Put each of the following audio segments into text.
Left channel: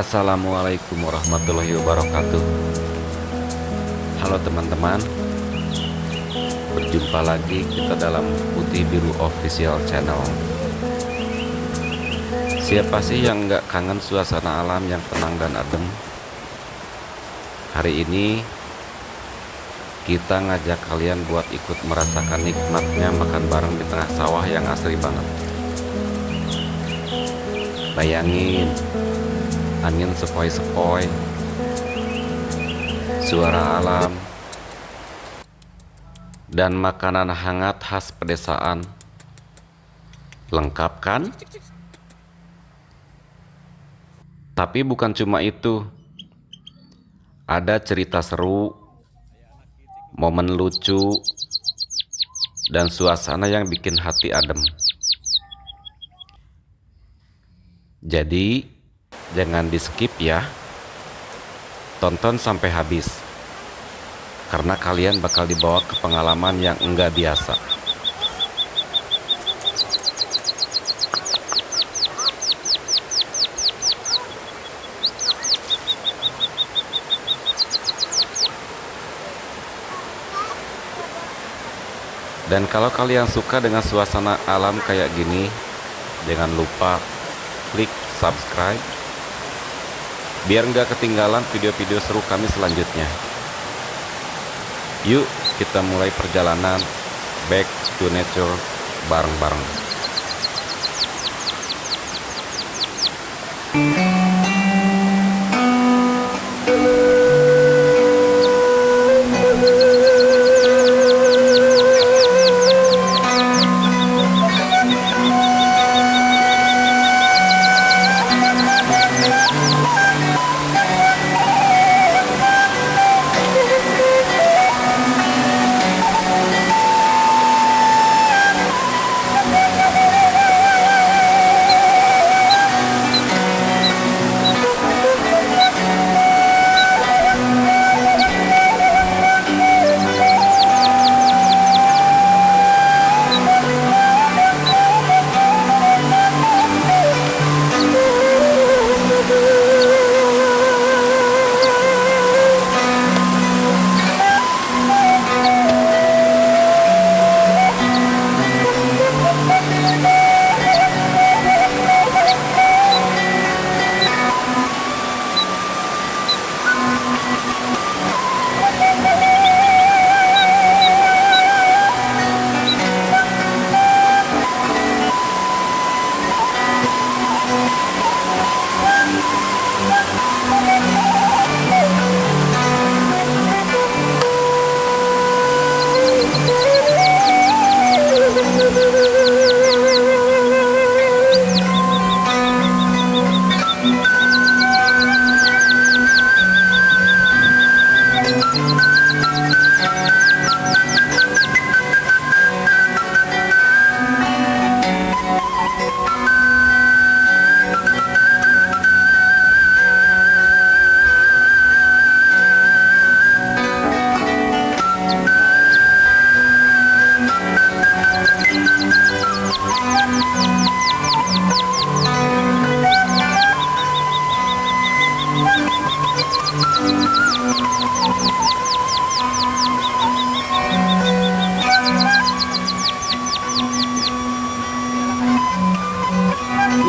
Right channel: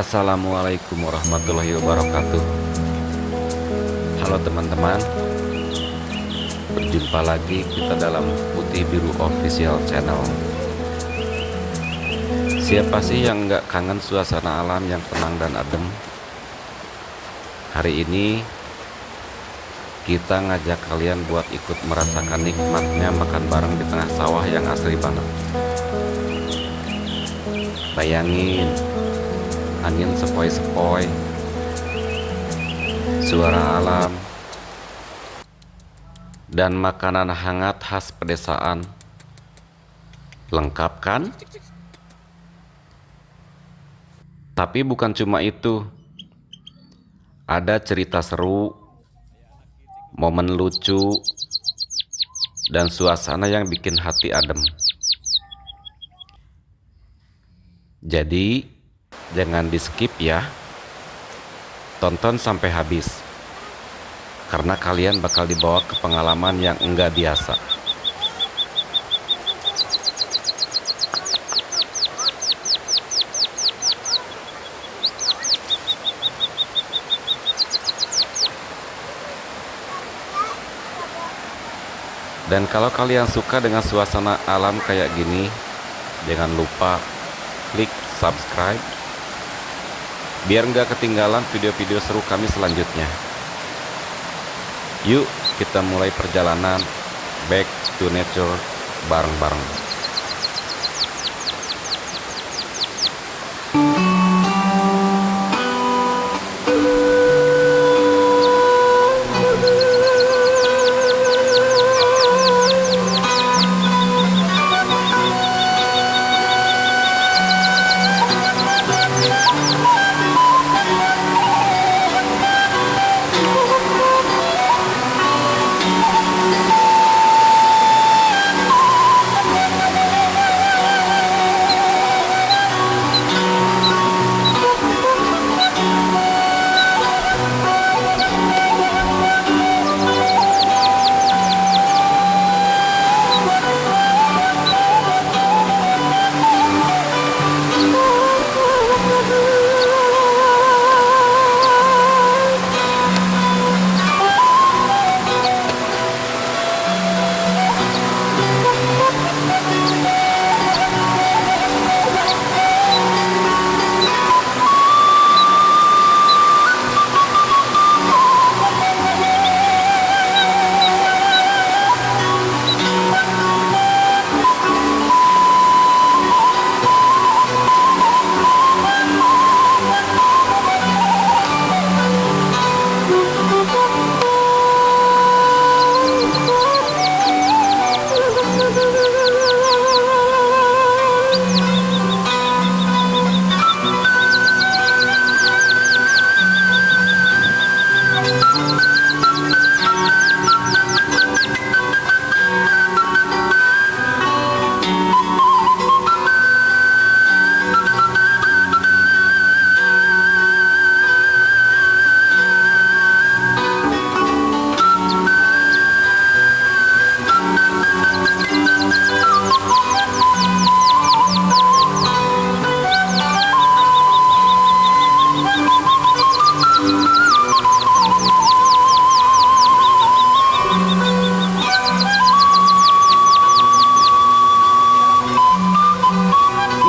Assalamualaikum warahmatullahi wabarakatuh. Halo teman-teman, berjumpa lagi kita dalam Putih Biru Official Channel. Siapa sih yang nggak kangen suasana alam yang tenang dan adem? Hari ini kita ngajak kalian buat ikut merasakan nikmatnya makan bareng di tengah sawah yang asri banget. Bayangin, angin sepoi-sepoi, suara alam, dan makanan hangat khas pedesaan. Lengkap kan? Tapi bukan cuma itu. Ada cerita seru, momen lucu, dan suasana yang bikin hati adem. Jadi, jangan di skip ya. Tonton sampai habis. Karena kalian bakal dibawa ke pengalaman yang enggak biasa. Dan kalau kalian suka dengan suasana alam kayak gini, jangan lupa klik subscribe biar nggak ketinggalan video-video seru kami selanjutnya. Yuk kita mulai perjalanan back to nature bareng-bareng.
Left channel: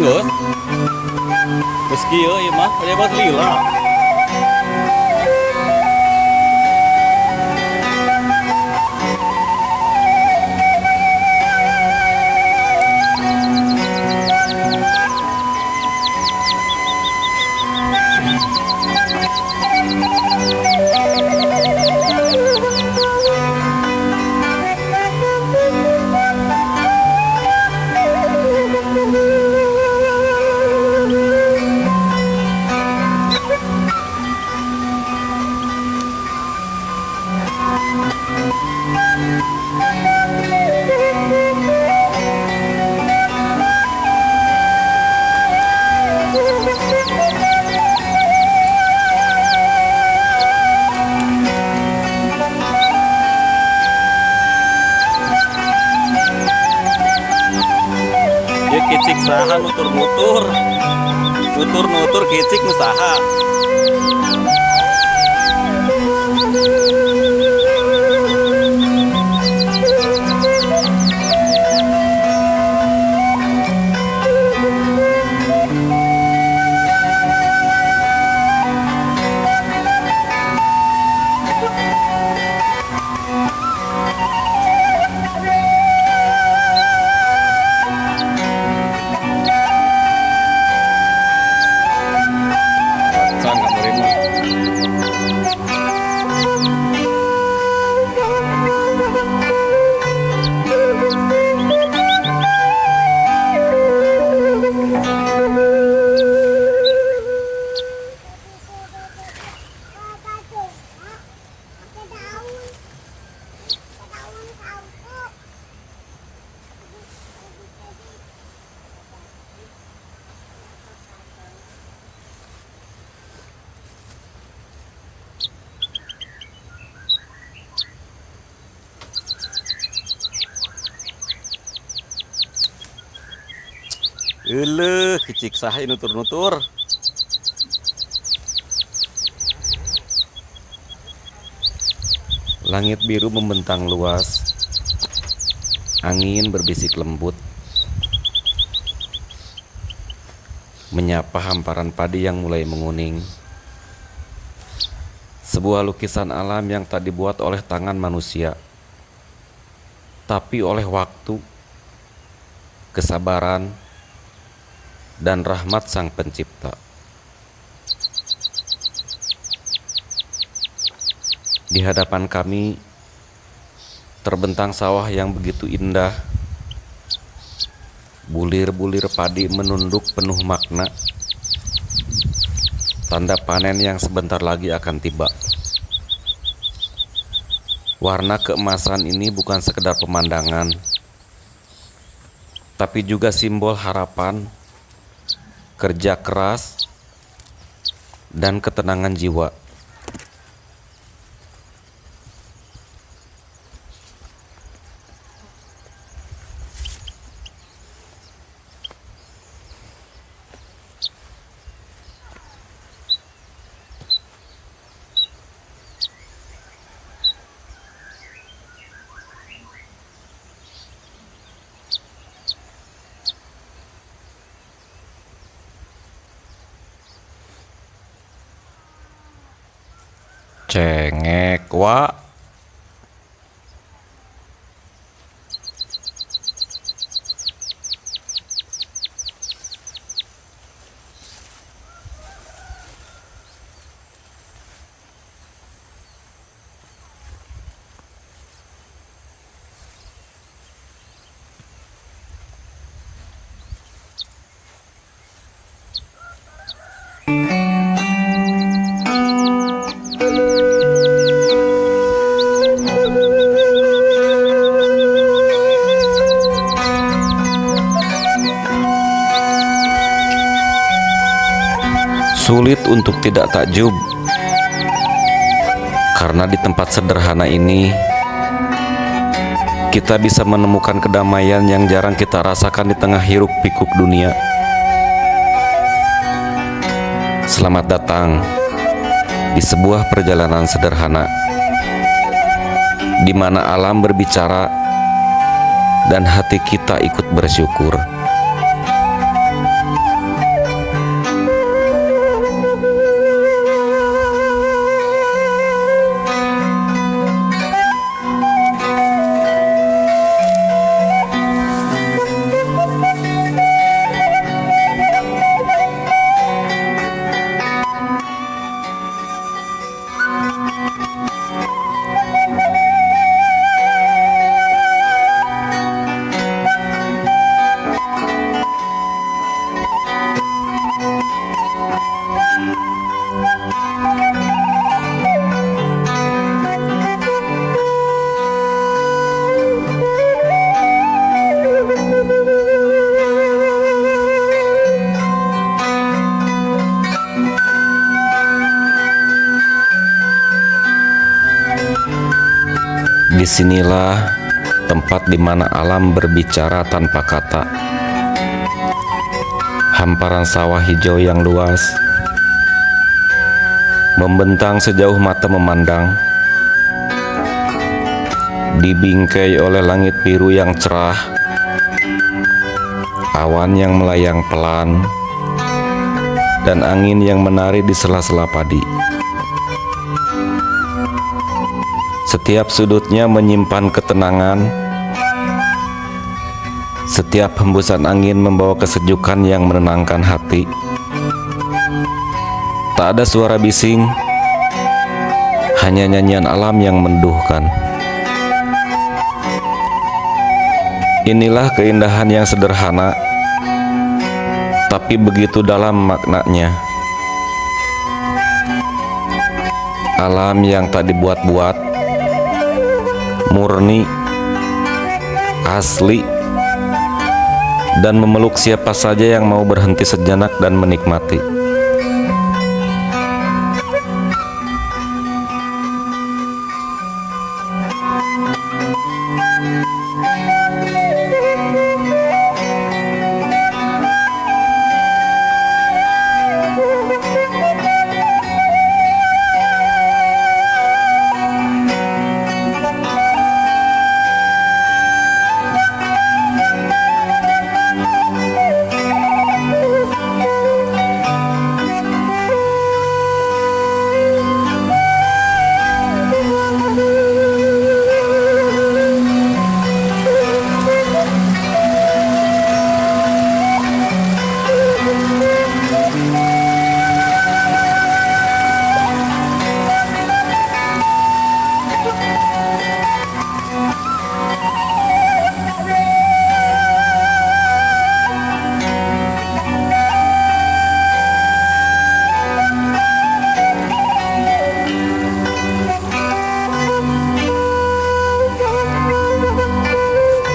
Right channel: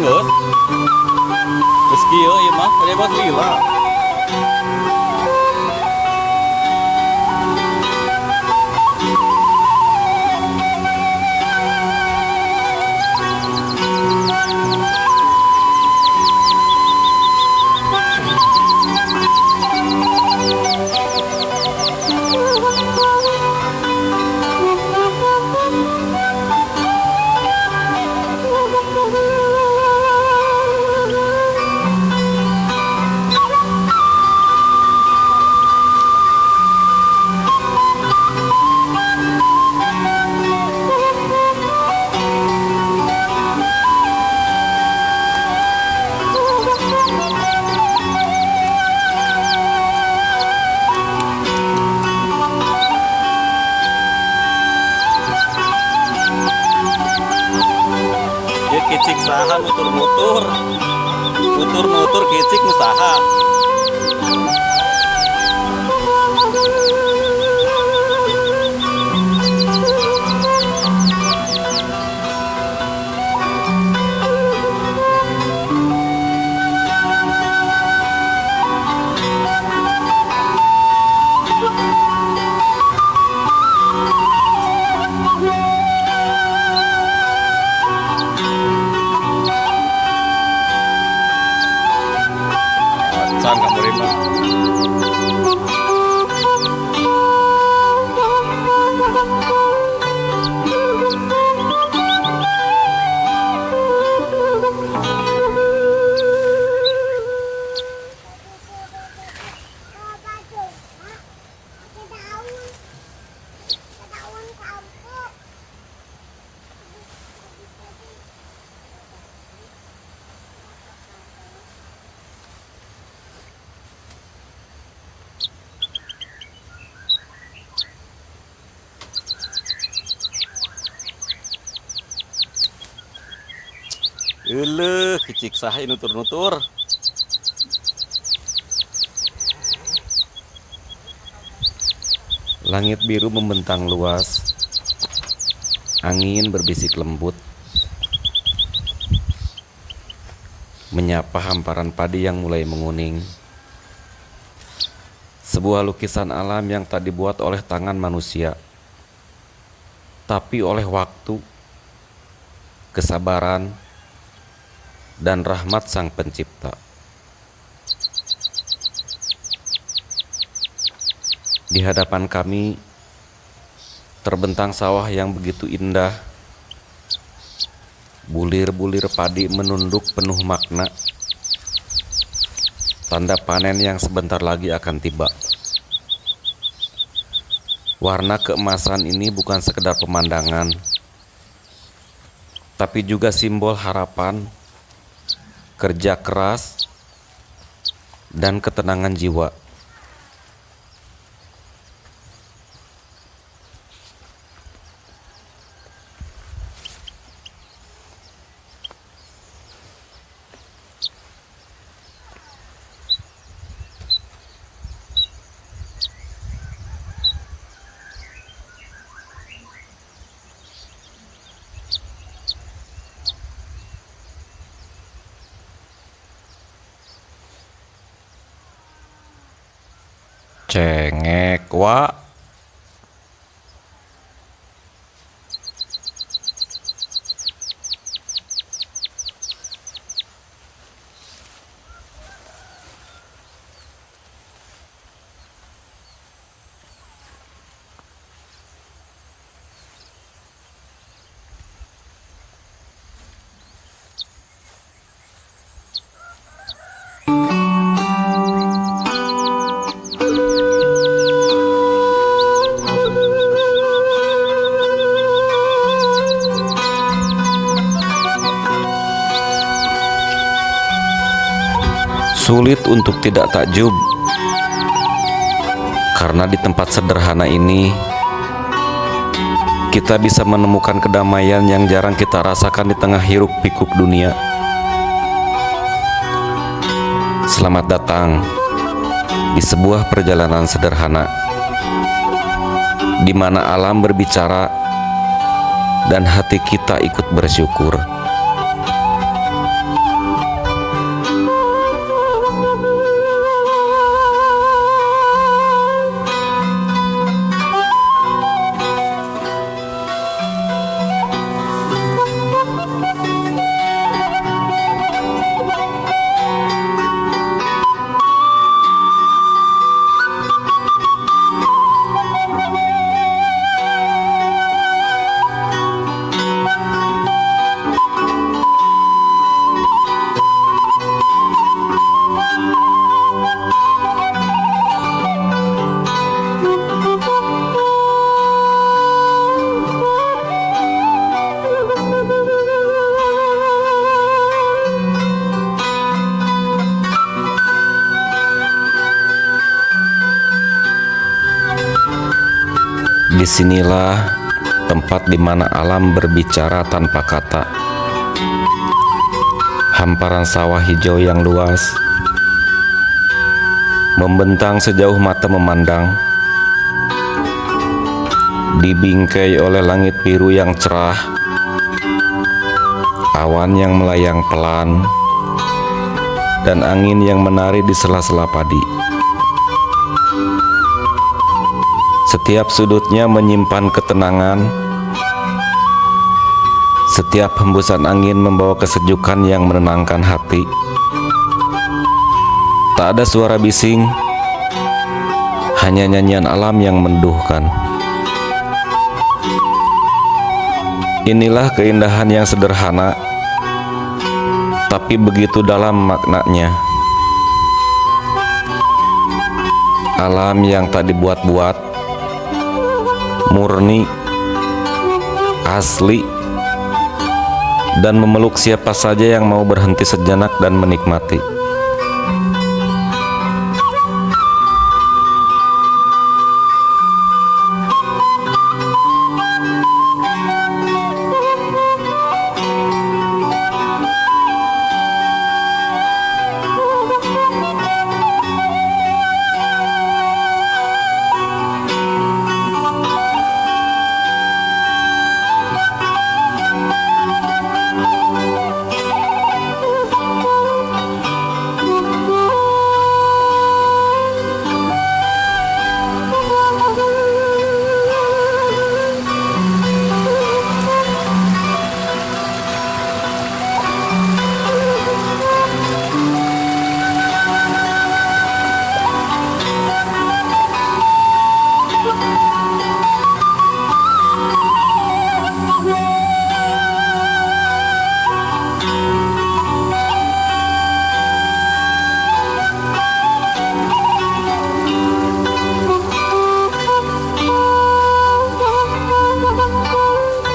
Nggak, meski ya mah lewat lila. Saha nutur-nutur. Nutur-nutur kicik nu saha. San kamu mah. Kicik saha nutur-nutur. Langit biru membentang luas. Angin berbisik lembut, menyapa hamparan padi yang mulai menguning. Sebuah lukisan alam yang tak dibuat oleh tangan manusia, tapi oleh waktu, kesabaran, dan rahmat Sang Pencipta. Di hadapan kami terbentang sawah yang begitu indah. Bulir-bulir padi menunduk penuh makna, tanda panen yang sebentar lagi akan tiba. Warna keemasan ini bukan sekedar pemandangan, tapi juga simbol harapan, kerja keras, dan ketenangan jiwa. Cengek wa. Sulit untuk tidak takjub, karena di tempat sederhana ini kita bisa menemukan kedamaian yang jarang kita rasakan di tengah hiruk pikuk dunia. Selamat datang di sebuah perjalanan sederhana, di mana alam berbicara dan hati kita ikut bersyukur. Disinilah tempat di mana alam berbicara tanpa kata, Hamparan sawah hijau yang luas membentang sejauh mata memandang, dibingkai oleh langit biru yang cerah, awan yang melayang pelan, dan angin yang menari di sela-sela padi. Setiap sudutnya menyimpan ketenangan. Setiap hembusan angin membawa kesejukan yang menenangkan hati. Tak ada suara bising, hanya nyanyian alam yang menduhkan. Inilah keindahan yang sederhana, tapi begitu dalam maknanya. Alam yang tak dibuat-buat, murni, asli, dan memeluk siapa saja yang mau berhenti sejenak dan menikmati.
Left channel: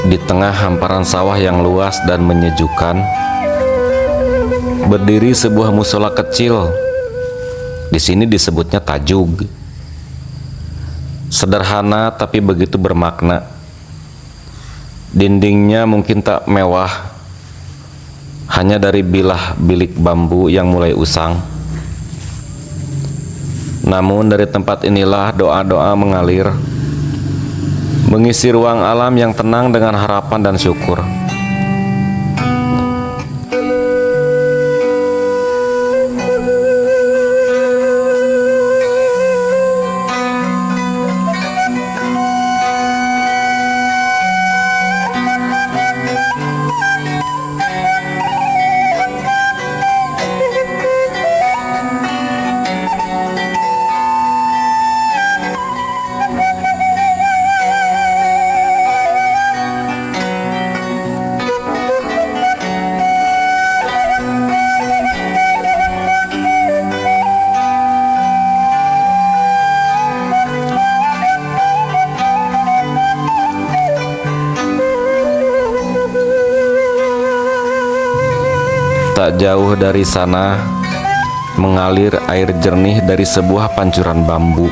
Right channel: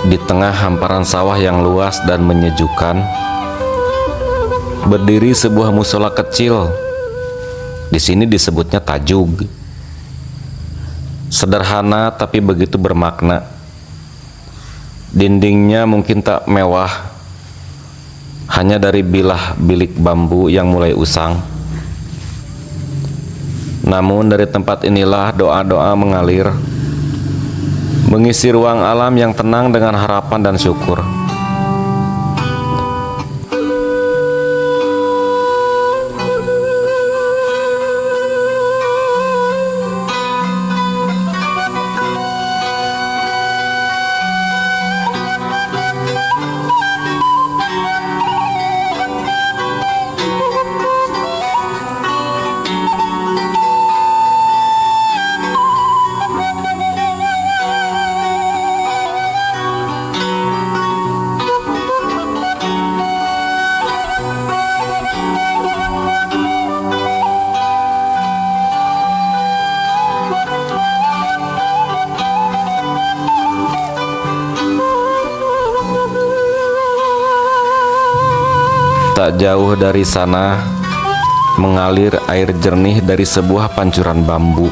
Di tengah hamparan sawah yang luas dan menyejukkan, berdiri sebuah musola kecil. Di sini disebutnya tajug. Sederhana tapi begitu bermakna. Dindingnya mungkin tak mewah, hanya dari bilah bilik bambu yang mulai usang. Namun dari tempat inilah doa-doa mengalir, mengisi ruang alam yang tenang dengan harapan dan syukur. Tak jauh dari sana mengalir air jernih dari sebuah pancuran bambu,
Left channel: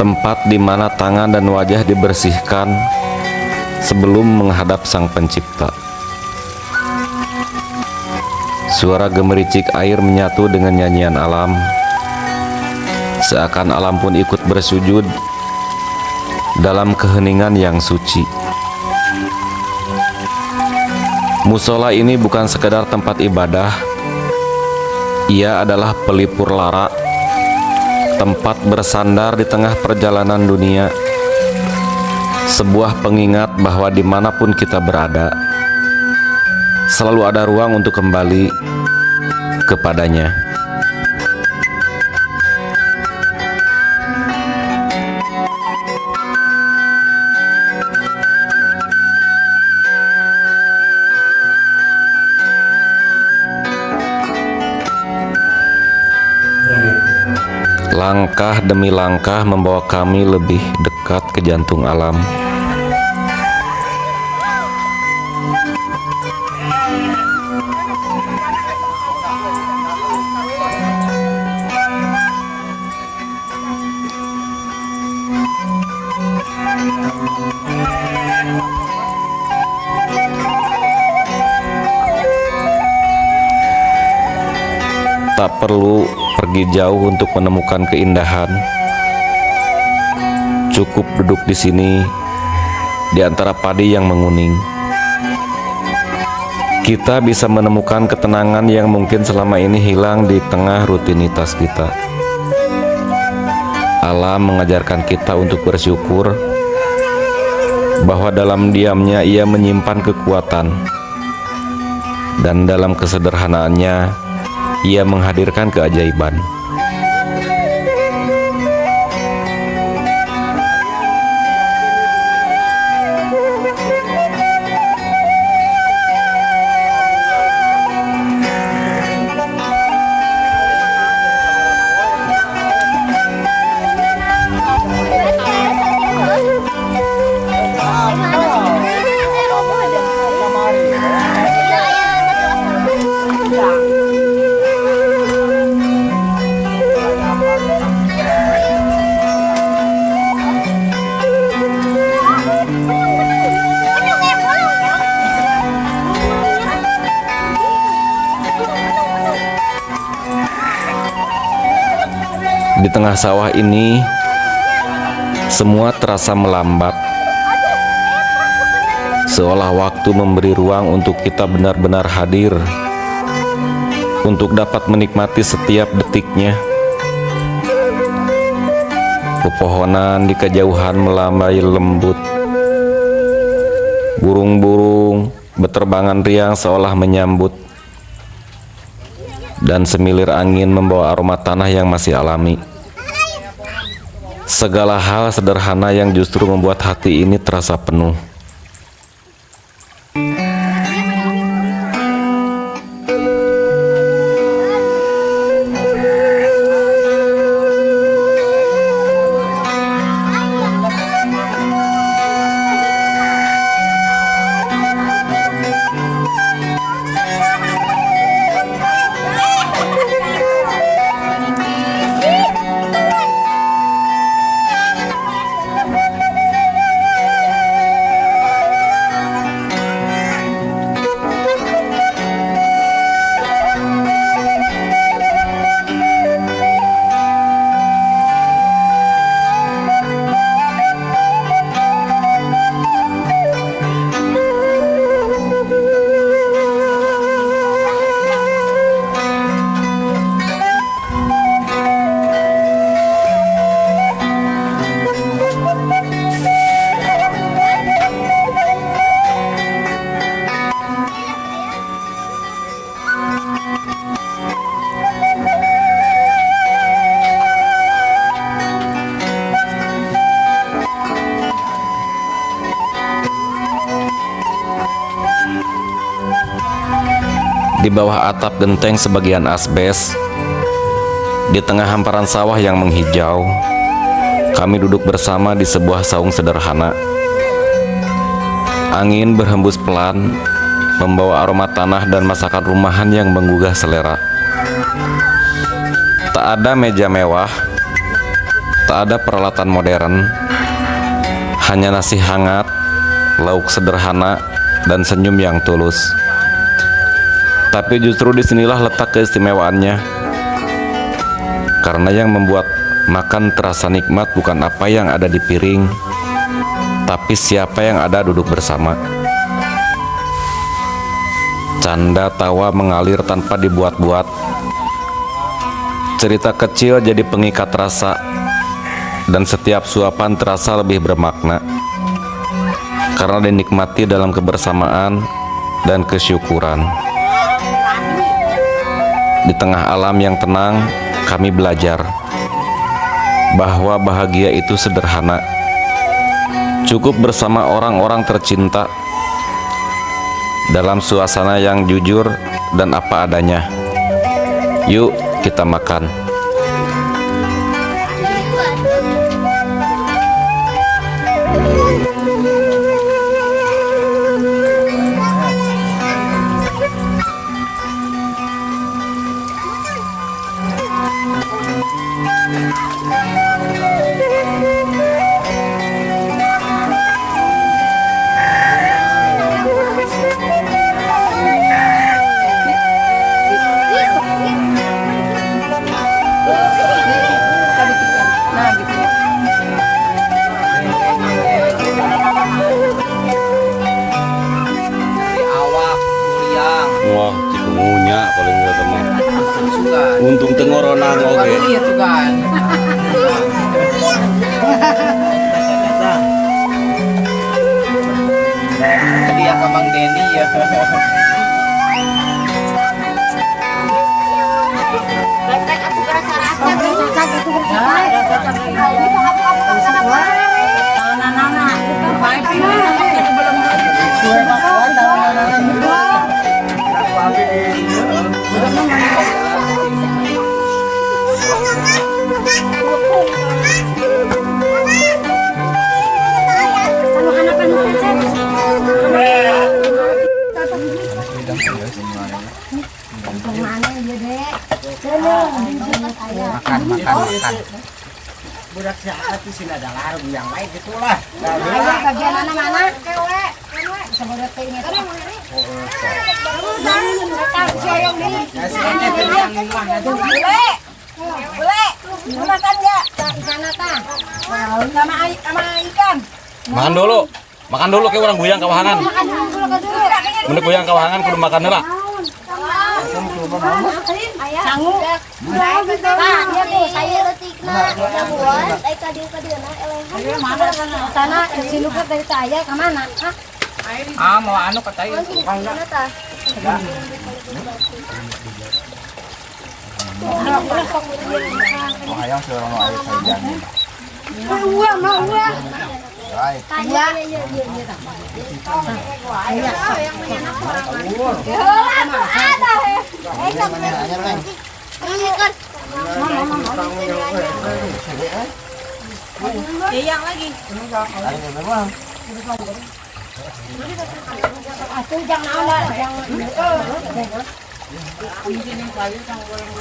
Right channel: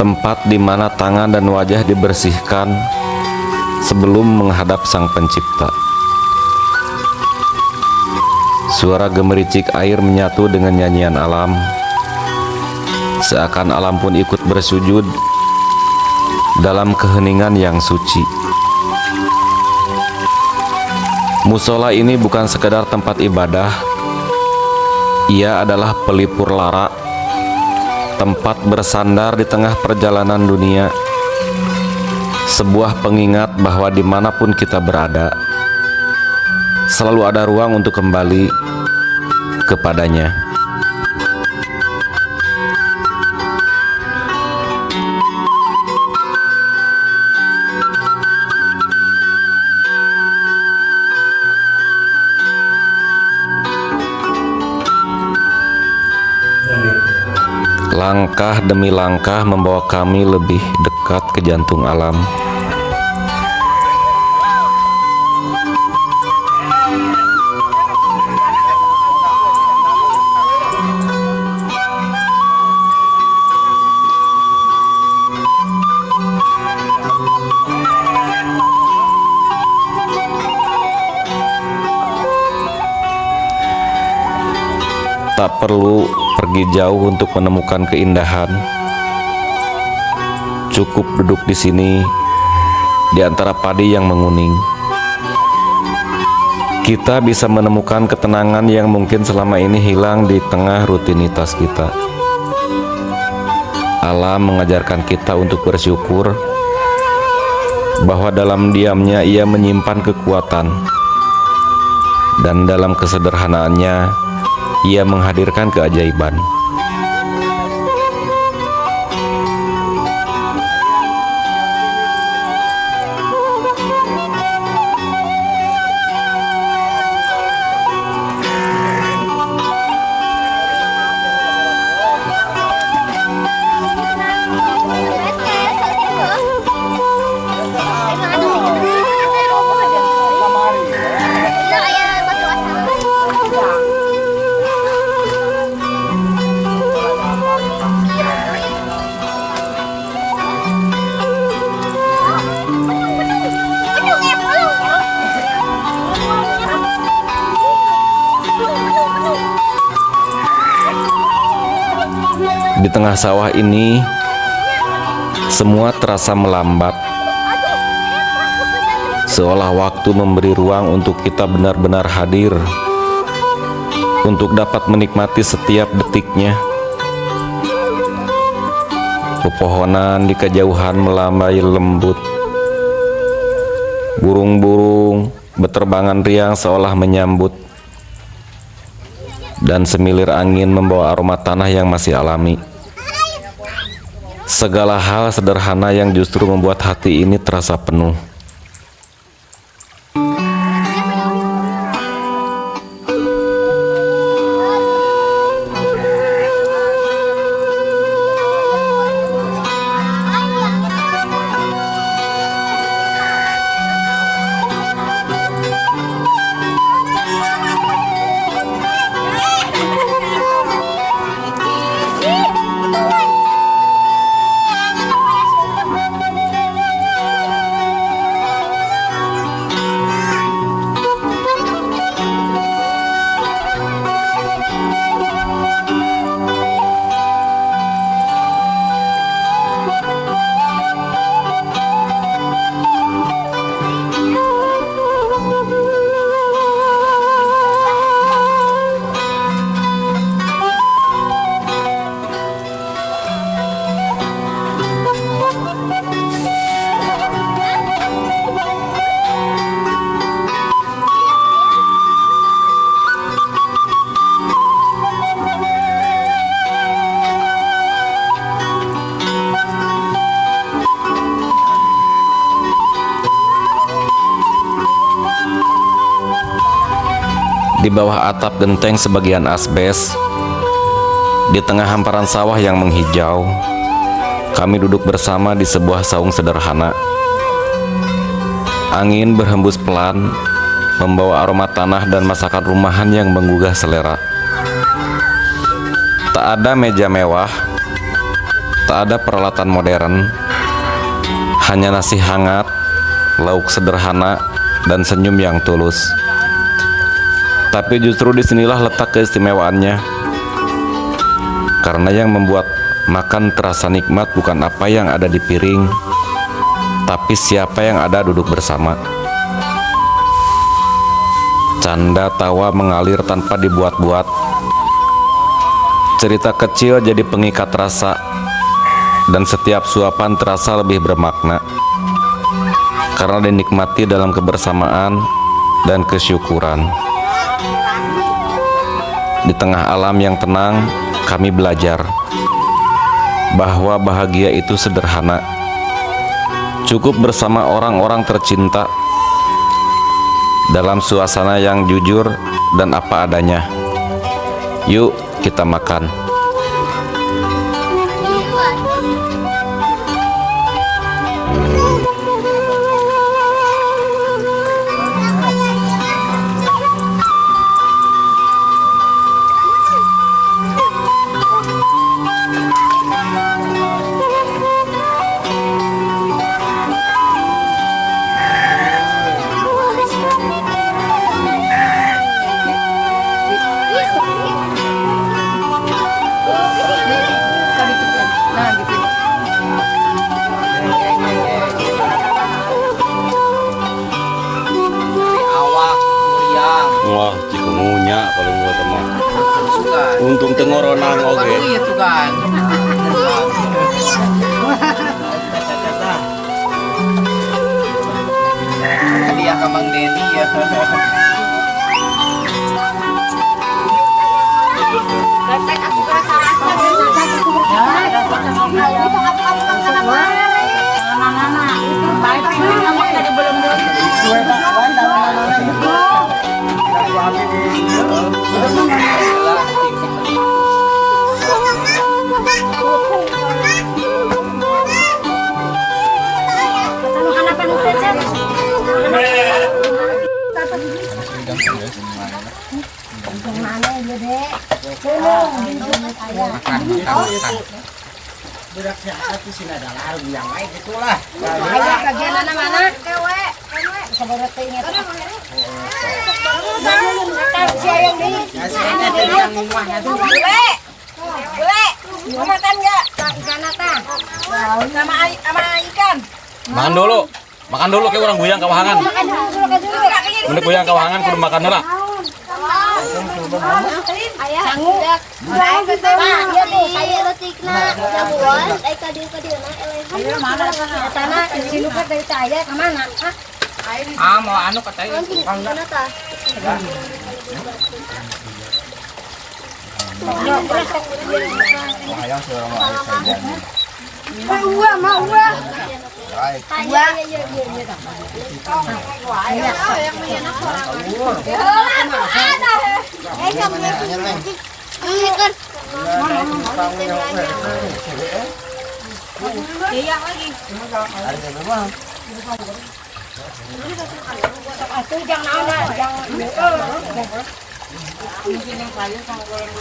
tempat di mana tangan dan wajah dibersihkan sebelum menghadap Sang Pencipta. Suara gemericik air menyatu dengan nyanyian alam, seakan alam pun ikut bersujud dalam keheningan yang suci. Musola ini bukan sekedar tempat ibadah, ia adalah pelipur lara, tempat bersandar di tengah perjalanan dunia, sebuah pengingat bahwa dimanapun kita berada, selalu ada ruang untuk kembali kepadanya. Langkah demi langkah membawa kami lebih dekat ke jantung alam. perlu pergi jauh untuk menemukan keindahan. Cukup duduk di sini, di antara padi yang menguning. Kita bisa menemukan ketenangan yang mungkin selama ini hilang di tengah rutinitas kita. Alam mengajarkan kita untuk bersyukur bahwa dalam diamnya ia menyimpan kekuatan, dan dalam kesederhanaannya ia menghadirkan keajaiban. Di tengah sawah ini, semua terasa melambat, seolah waktu memberi ruang untuk kita benar-benar hadir, untuk dapat menikmati setiap detiknya. Pepohonan di kejauhan melambai lembut, burung-burung berterbangan riang seolah menyambut, dan semilir angin membawa aroma tanah yang masih alami. Segala hal sederhana yang justru membuat hati ini terasa penuh. Di bawah atap genteng sebagian asbes, di tengah hamparan sawah yang menghijau, kami duduk bersama di sebuah saung sederhana. Angin berhembus pelan, membawa aroma tanah dan masakan rumahan yang menggugah selera. Tak ada meja mewah, tak ada peralatan modern, hanya nasi hangat, lauk sederhana, dan senyum yang tulus. Tapi justru disinilah letak keistimewaannya, karena yang membuat makan terasa nikmat bukan apa yang ada di piring, tapi siapa yang ada duduk bersama. Canda tawa mengalir tanpa dibuat-buat. Cerita kecil jadi pengikat rasa, dan setiap suapan terasa lebih bermakna, karena dinikmati dalam kebersamaan dan kesyukuran. Di tengah alam yang tenang, kami belajar bahwa bahagia itu sederhana. Cukup bersama orang-orang tercinta, dalam suasana yang jujur dan apa adanya. Yuk, kita makan. Ronang oge. Iya tuh kan. Hadiah ke Bang Denny ya. Rek aku rasa aku Makan. Budak siapa tuh sih ada larung yang lain gitulah. ayo bagian mana kewe saudara teh ingat si ayang di Kasih aja tuh yang rumahnya tuh. boleh makan enggak ikan apa sama ikan Makan dulu kayak orang guyang kawahangan. makan dulu Mendek guyang kawahangan kudu makan heula. sanggup nah dia tuh saya mana sana si Luka dari saya ke mana Mau anu katanya. Mau ayam suruh mau ayam saya jadi. mau Baik. Mana anyar neng? Iya lagi. Ada berapa? Aku jangan ada, jangan. Mungkin yang kayu sama goreng